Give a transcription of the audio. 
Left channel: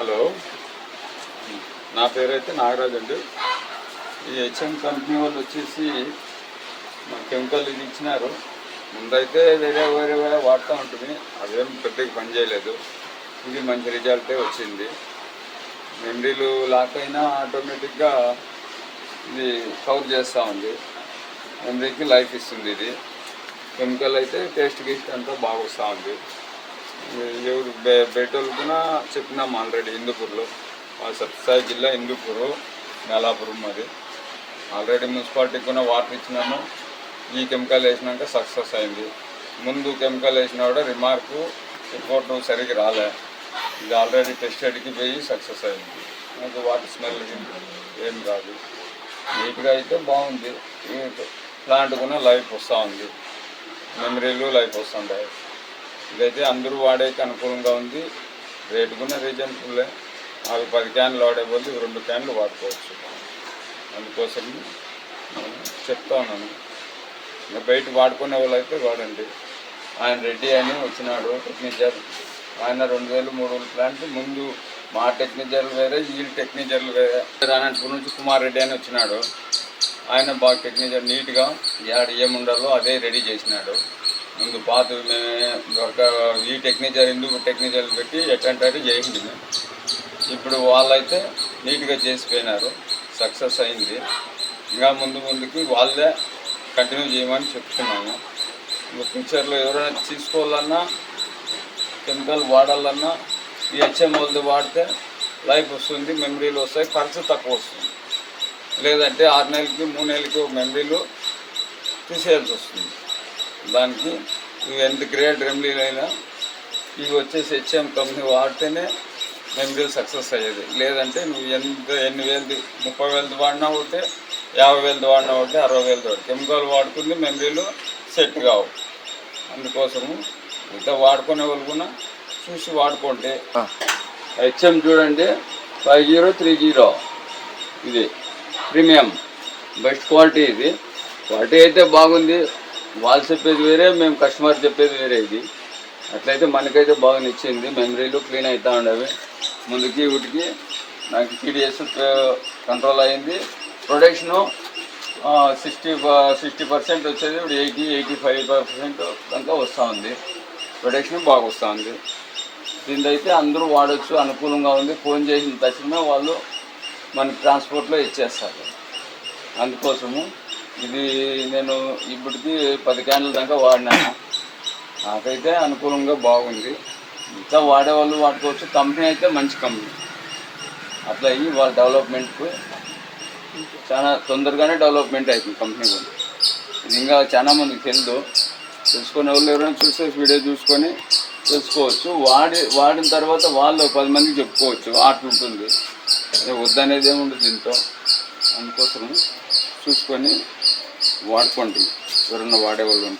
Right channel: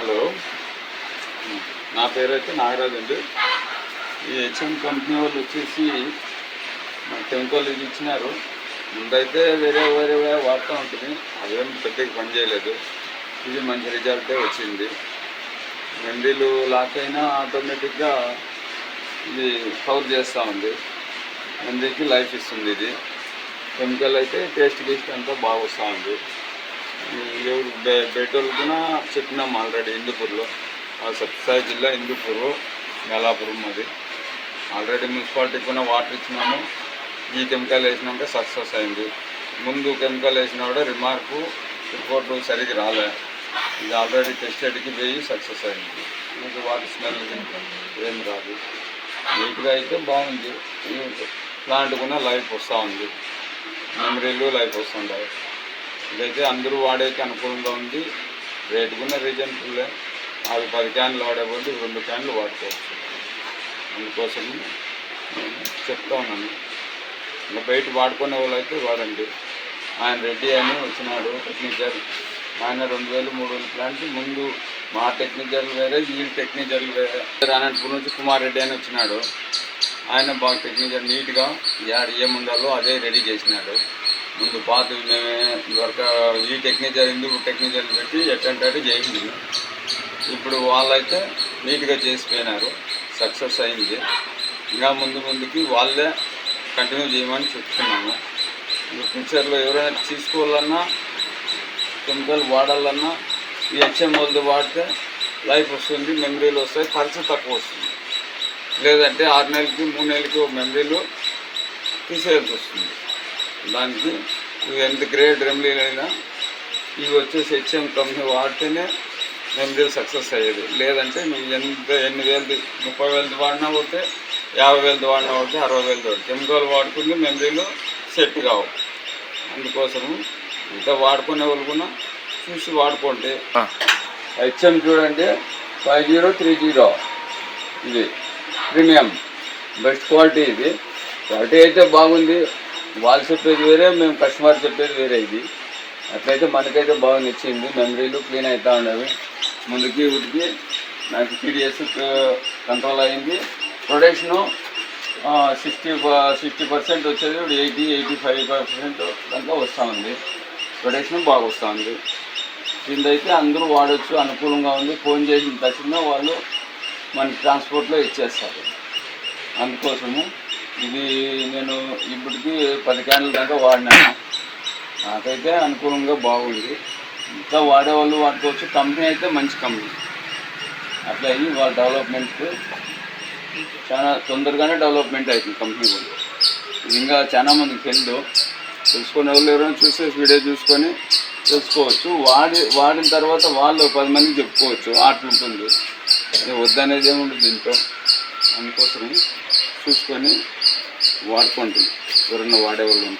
Hello, నా పేరు అయితే నాగరాజు అండి. ఈ హెచ్ఎం కంపెనీ వాళ్ళు వచ్చేసి మా కెమికల్ ఇది ఇచ్చినారు. ముందైతే వేరే వాడుతూ ఉంటుంది, అవేం పెద్దగా పని చేయలేదు. ఇది మంచి రిజల్టే వచ్చింది. మండీలు లాక్ అయినా ఆటోమేటిక్గా ఇది కవర్ చేస్తూ ఉంది, మందికి లైఫ్ ఇస్తుంది. ఇది కెమికల్ అయితే టేస్ట్ గీస్ట్ అంతా బాగా వస్తూ ఉంది. బయట కూడా చెప్పినాము ఆల్రెడీ. హిందూపూర్లో, సత్యసాయి జిల్లా హిందూపూరు మేలాపురం. అది ఆల్రెడీ మున్సిపాలిటీకి కూడా వాటర్ ఇచ్చినాము. ఈ కెమికల్ వేసినాక సక్సెస్ అయింది. ముందు కెమికల్ వేసిన కూడా రిపోర్టు సరిగ్గా రాలే. ఇది ఆల్రెడీ టెస్టెడ్కి పోయి సక్సెస్ అయింది. మనకి వాటర్ స్మెల్ ఏం రాదు, నీట్గా అయితే బాగుంది. ప్లాంట్ కూడా లైఫ్ వస్తూ ఉంది, మెమరీలు లైఫ్ వస్తుంటాయి. ఇదైతే అందరూ వాడేకి అనుకూలంగా ఉంది. రేటు కూడా రీజనబుల్లే. 10 క్యాన్లు వాడే బదులు 2 క్యాన్లు వాడుకోవచ్చు. అందుకోసం నేను చెప్తా ఉన్నాను. ఇంకా బయట వాడుకునే వాళ్ళు అయితే వాడండి. ఆయన రెడ్డి అని వచ్చినాడు టెక్నికల్. ఆయన 2000-3000 ప్లాంట్. ముందు మా టెక్నికల్ వేరే, ఈ టెక్నికల్ వేరే. అనంతపురం నుంచి కుమార్ రెడ్డి అని వచ్చినాడు. ఆయన బాగా టెక్నికల్ నీట్గా ఏముండాలో అదే రెడీ చేసినాడు. ముందు పాత ఈ టెక్నికల్ హిందూ టెక్నికల్ పెట్టి ఎట్టంటే చేయింది. ఇప్పుడు వాళ్ళైతే నీట్గా చేసిపోయినారు, సక్సెస్ అయింది. ఇంకా ముందుకి వాళ్ళే కంటిన్యూ చేయమని చెప్తున్నాము. ఇంకా ఫ్యూచర్లో ఎవరైనా తీసుకోవాలన్నా, కెమికల్ వాడాలన్నా ఈ హెచ్ఎం వాళ్ళది వాడితే లైఫ్ వస్తుంది, మెమరీలు వస్తాయి, ఖర్చు తక్కువ వస్తుంది. లేదంటే 6 నెలలకి 3 నెలలకి మెమరీలు తీసేయాల్సి వస్తుంది. దానికి ఎంత గ్రేట్ రెమెడీలు అయినా ఇవి వచ్చేసి హెచ్ఎం కంపెనీ వాడితేనే మెమరీ సక్సెస్ అయ్యేది. లేదంటే నువ్వు ఎన్ని వేలది 30,000 వాడినా ఒకటే, 50,000 వాడినా ఒకటే, 60,000 వాడి కెమికల్ వాడుకుంటే మెమరీలు సెట్ కావు. అందుకోసము ఇంకా వాడుకునే వాళ్ళు కూడా చూసి వాడుకోండి. హెచ్ఎం చూడండి, 5030. ఇది ప్రీమియం బెస్ట్ క్వాలిటీ. ఇది క్వాలిటీ అయితే బాగుంది. వాళ్ళు చెప్పేది వేరే, మేము కస్టమర్ చెప్పేది వేరే. ఇది అట్లయితే మనకైతే బాగా నచ్చింది. మెమరీలు క్లీన్ అవుతూ ఉండేవి. ముందుకి వీటికి నాకు TDS కంట్రోల్ అయింది. ప్రొడక్షను 60% వచ్చేది, ఇప్పుడు 80-85% దాకా వస్తూ ఉంది. ప్రొడక్షన్ బాగా వస్తూ ఉంది. దీనిదైతే అందరూ వాడచ్చు, అనుకూలంగా ఉంది. ఫోన్ చేసిన తక్షణ వాళ్ళు మనకి ట్రాన్స్పోర్ట్లో ఇచ్చేస్తారు. అందుకోసము ఇది నేను ఇప్పటికీ 10 క్యాన్ల దాకా వాడినాను. నాకైతే అనుకూలంగా బాగుంది. ఇంకా వాడేవాళ్ళు వాడుకోవచ్చు. కంపెనీ అయితే మంచి కంపెనీ. అట్లా అయ్యి వాళ్ళ డెవలప్మెంట్ చాలా తొందరగానే డెవలప్మెంట్ అవుతుంది కంపెనీ కూడా. ఇది ఇంకా చాలా మందికి తెలుసుకునే వాళ్ళు ఎవరైనా చూసేసి వీడియో చూసుకొని తెలుసుకోవచ్చు. వాడిన తర్వాత వాళ్ళు 10 మందికి చెప్పుకోవచ్చు. అట్లుంటుంది, వద్దనేది ఏముంటుంది దీంట్లో. అందుకోసం చూసుకొని వాడుకోండి ఎవరన్నా వాడేవాళ్ళు ఉంటే.